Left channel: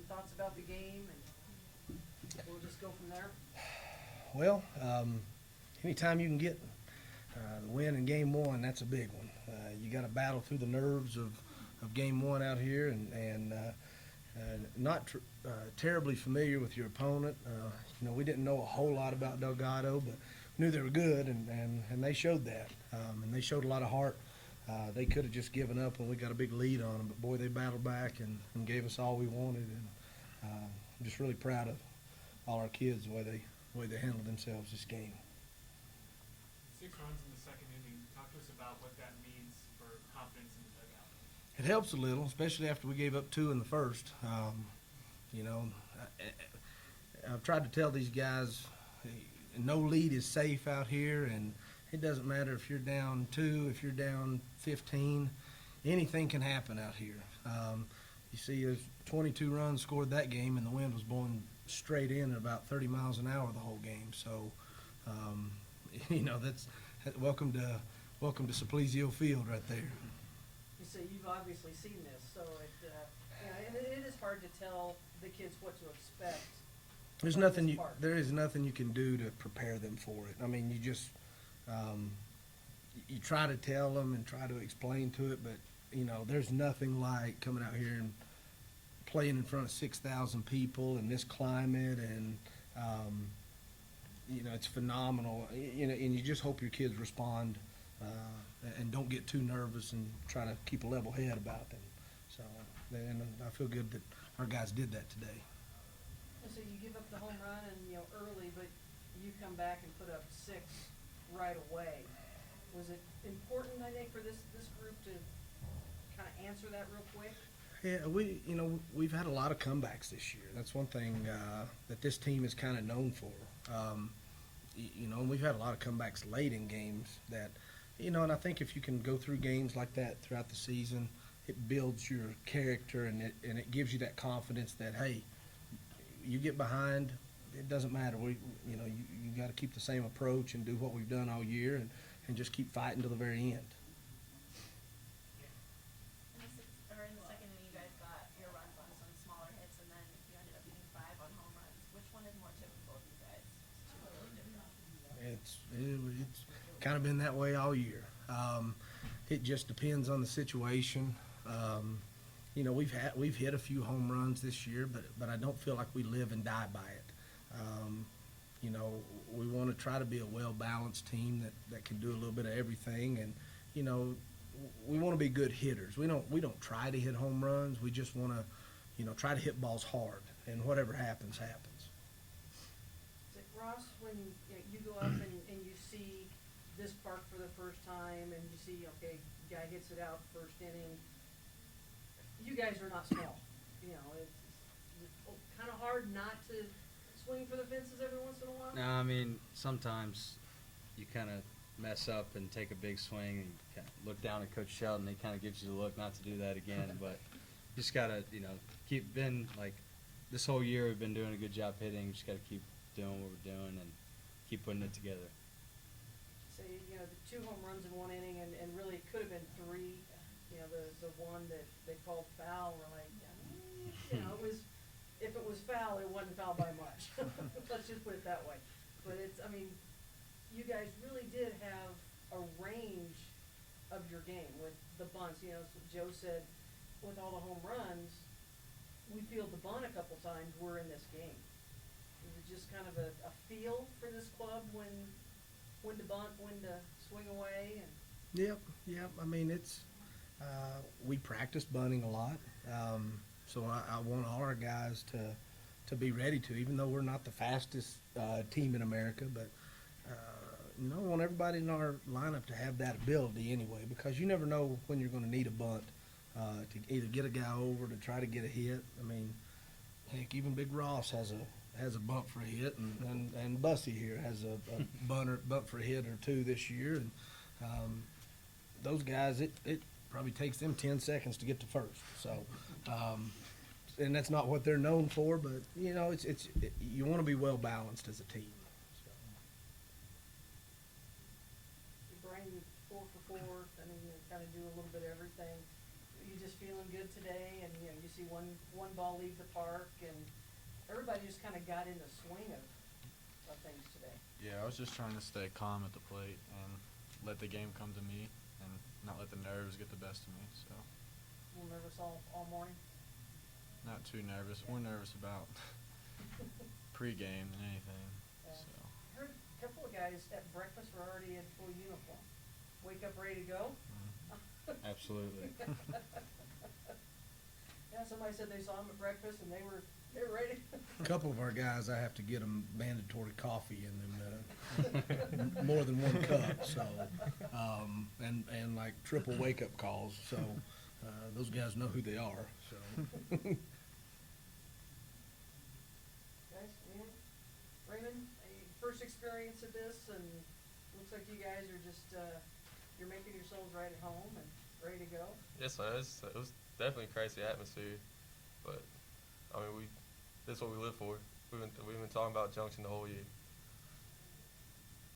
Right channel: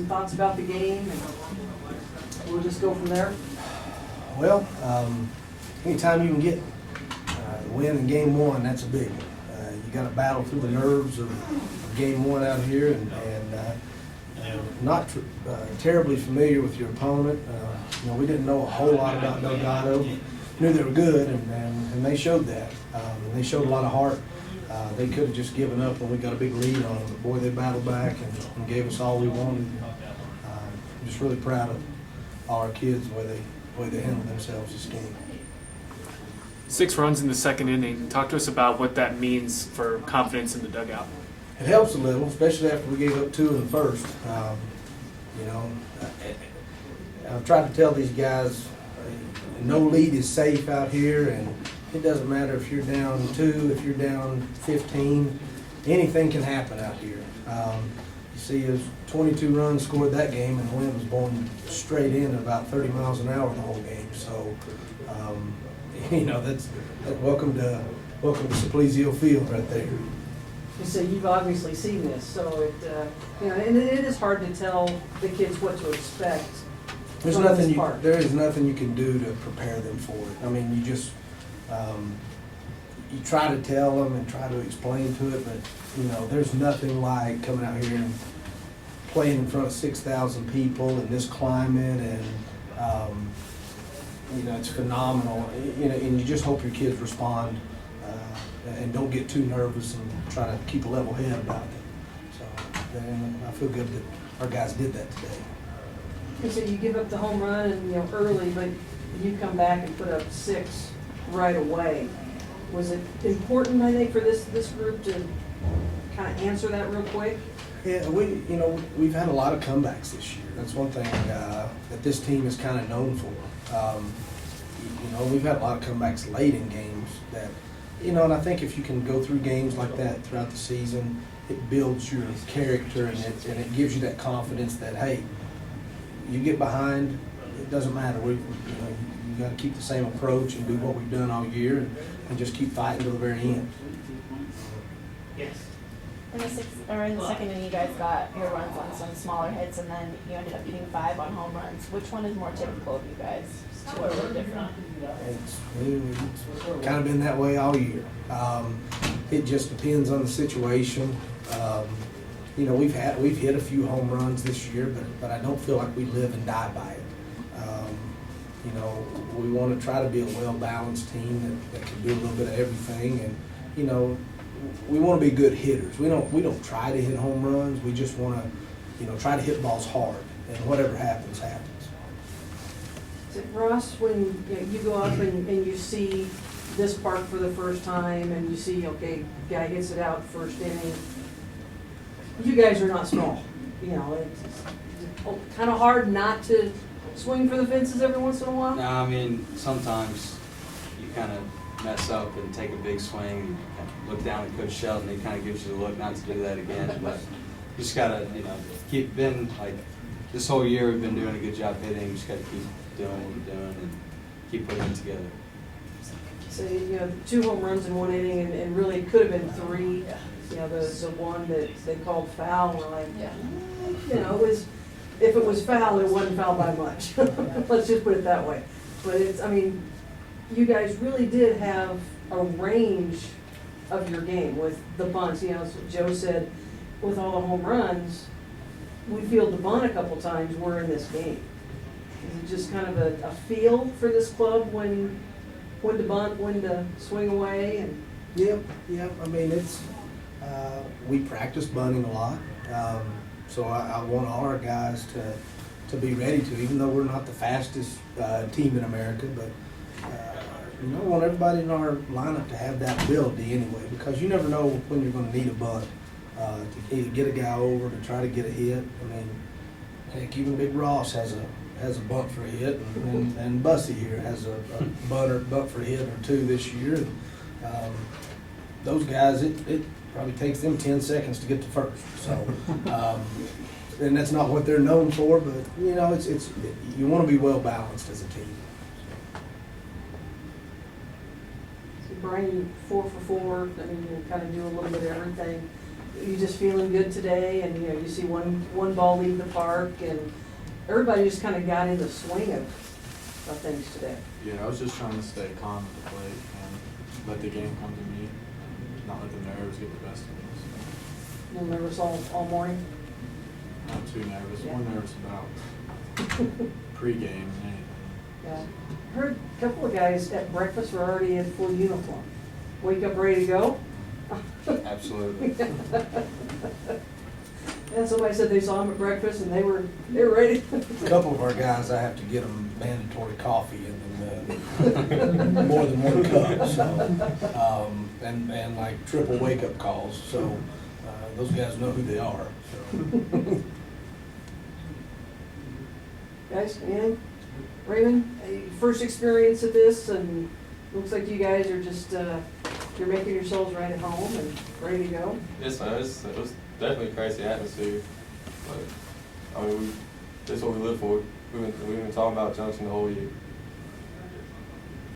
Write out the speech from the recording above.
some thoughts about the game, and we'll just go from there. Well, anytime you can get the win in game one, that's a big one. You got to battle through the nerves of game one out here, and not terribly familiar with your opponent. We didn't know a whole lot about Delgado. Knew they were good, and they showed that. And they showed a lot of heart. They could have just given up when we got a big lead on them. But boy, they battled back and gave us all we wanted. I'm just really proud of all our kids, the way they handled themselves this game. 6 runs in the second inning. Talk to us about what that means for confidence in the dugout. It helps a little, especially after we gave up 2 in the first. I've tried to tell these guys, no lead is safe out here, and it doesn't matter if you're down 2, if you're down 15, anything can happen out here. You see, there's 22 runs scored that game, and the wind was blowing straight in at about 30 miles an hour the whole game. So, that's welcome to Simplesio Field right there. So you've obviously seen this, so and it is hard to tell the kids what to expect. There is nothing you can do to prepare them for it. I mean, you just you try to tell them and try to explain to it, but there's nothing like coming out here and playing in front of 6,000 people in this climate, and it's phenomenal. And you just hope your kids respond and don't get too nervous and try to keep a level head about it. So, and I feel good that our guys did that today. And so you give up the home run and early, but you come back and put up 6 right away. Was it important, I think, for this group to kind of answer that real quick? Yeah, we've had a lot of comebacks this year. That's one thing that this team is kind of known for. We've had a lot of comebacks late in games that, and I think if you can go through games like that throughout the season, it builds your character, and it gives you that confidence that, hey, you get behind, it doesn't matter. You got to keep the same approach and do what we've done all year, and just keep fighting to the very end. Yes. In the second inning, you guys got your runs on some smaller hits, and then you ended up getting 5 on home runs. Which one is more typical of you guys? 2 are a little different. It's kind of been that way all year. It just depends on the situation. We've hit a few home runs this year, but I don't feel like we live and die by it. We want to try to be a well-balanced team that can do a little bit of everything, and we want to be good hitters. We don't try to hit home runs. We just want to try to hit balls hard, and whatever happens. So Ross, when you go up and you see this park for the first time, and you see, okay, guy hits it out first inning, you guys are not small. It's kind of hard not to swing for the fences every once in a while. No, I mean, sometimes you kind of mess up and take a big swing, and kind of look down at Coach Sheldon, he kind of gives you the look not to do that again. But you just gotta, this whole year we've been doing a good job hitting. You just gotta keep doing what we're doing and keep putting it together. So 2 home runs in 1 inning, and really it could have been 3. The one that they called foul, we're like, it was, if it was foul, it wasn't foul by much. Let's just put it that way. But you guys really did have a range of your game with the bunts. As Joe said, with all the home runs, we field the bunt a couple times, we're in this game. Is it just kind of a feel for this club when to bunt, when to swing away? And Yep. I mean, we practice bunting a lot, so I want all our guys to be ready to, even though we're not the fastest team in America, but I want everybody in our lineup to have that ability anyway, because you never know when you're going to need a bunt to either get a guy over, to try to get a hit. I mean, heck, even Big Ross has a bunt for a hit, and Bussy here has a bunt for a hit or 2 this year. And, those guys, it probably takes them 10 seconds to get to first. So, and that's not what they're known for, but it's you want to be well balanced as a team. So Brian, 4 for 4. I mean, you kind of do a little bit of everything. you just feeling good today, and, you know, you see one ball leave the park, and everybody just kinda got in the swing of things today. Yeah, I was just trying to stay calm at the plate and let the game come to me, and not let the nerves get the best of me. So, A little nervous all morning? not too nervous, Yeah. more nervous about pregame than anything. Yeah. Heard a couple of guys at breakfast were already in full uniform. Wake up ready to go? Absolutely. And somebody said they saw them at breakfast and they were ready. A couple of our guys, I have to get them mandatory coffee and more than one cup, so, and like triple wake-up calls, so, those guys know who they are, so. Guys, anything? Raymond, first experience of this, and looks like you guys are just, you're making yourselves right at home and ready to go. Yes, man, it was definitely a crazy atmosphere, but, I mean, that's what we live for. We've been talking about Junction the whole year.